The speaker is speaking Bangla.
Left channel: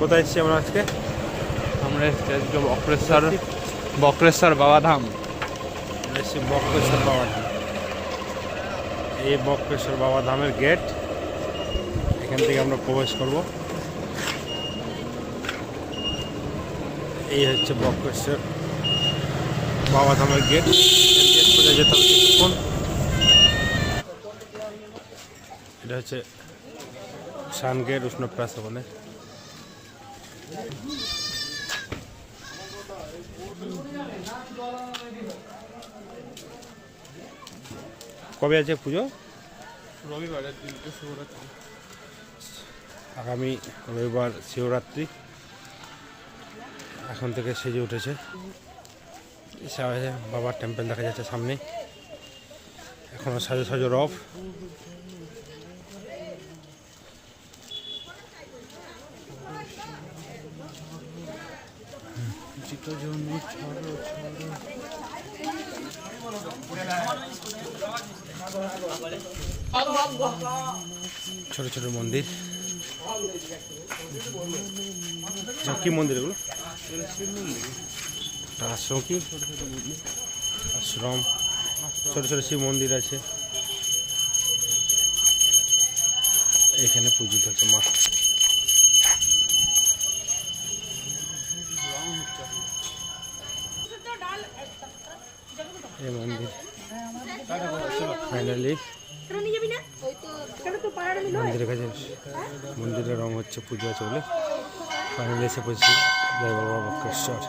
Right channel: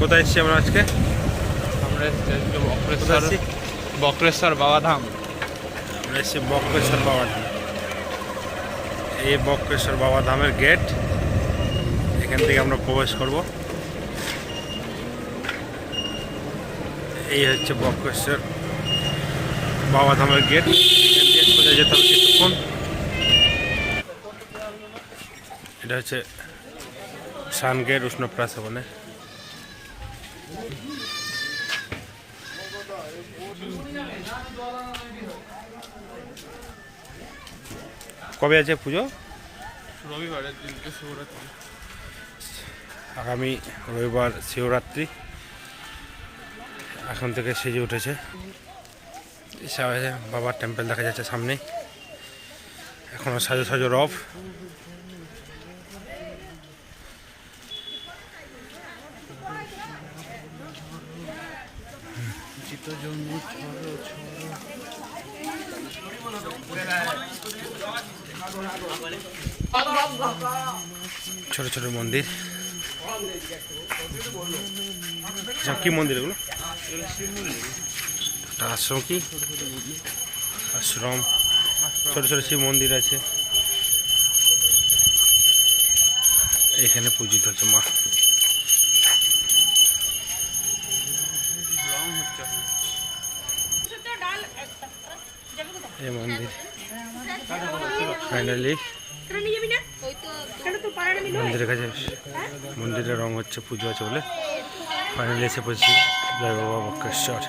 কোথায় এসেছি আমরা আজকে? আমরা বক্রেশ্বর বাবাধাম। আমরা এসেছি বক্রেশ্বর বাবাধাম। এই বক্রেশ্বর বাবাধামের গেট, এখান থেকে আমরা প্রবেশ করব। এই হচ্ছে বক্রেশ্বর বাবাধামের গেট। এখান দিয়ে সোজা যেতে হবে কিছুক্ষণ। এটা হচ্ছে শান গেট উষ্ণপ্রাশবনের। কবে আছে পুজো? রবিবারের দিনকে শিবরাত্রি। আগামী রবিবার শিবরাত্রি। এখন থেকে সেজে উঠেছে। বাবার টেম্পল দেখা যাচ্ছে সামনে। এখনো সাজো সাজো রব। ছোট ছোট মন্দির। কি মন্দির এগুলো? আশ্রম। কি আশ্রম? ছোট ছোট শিব মন্দির আছে। এখানে পূজিত হচ্ছে মা। এই মন্দির ফাইনালি মন্দিরের কাছে, মন্দিরের রং হচ্ছে পুজো আছে বলে ফাইনালি এসে পড়েছি জয় বাবা বক্রেশ্বর।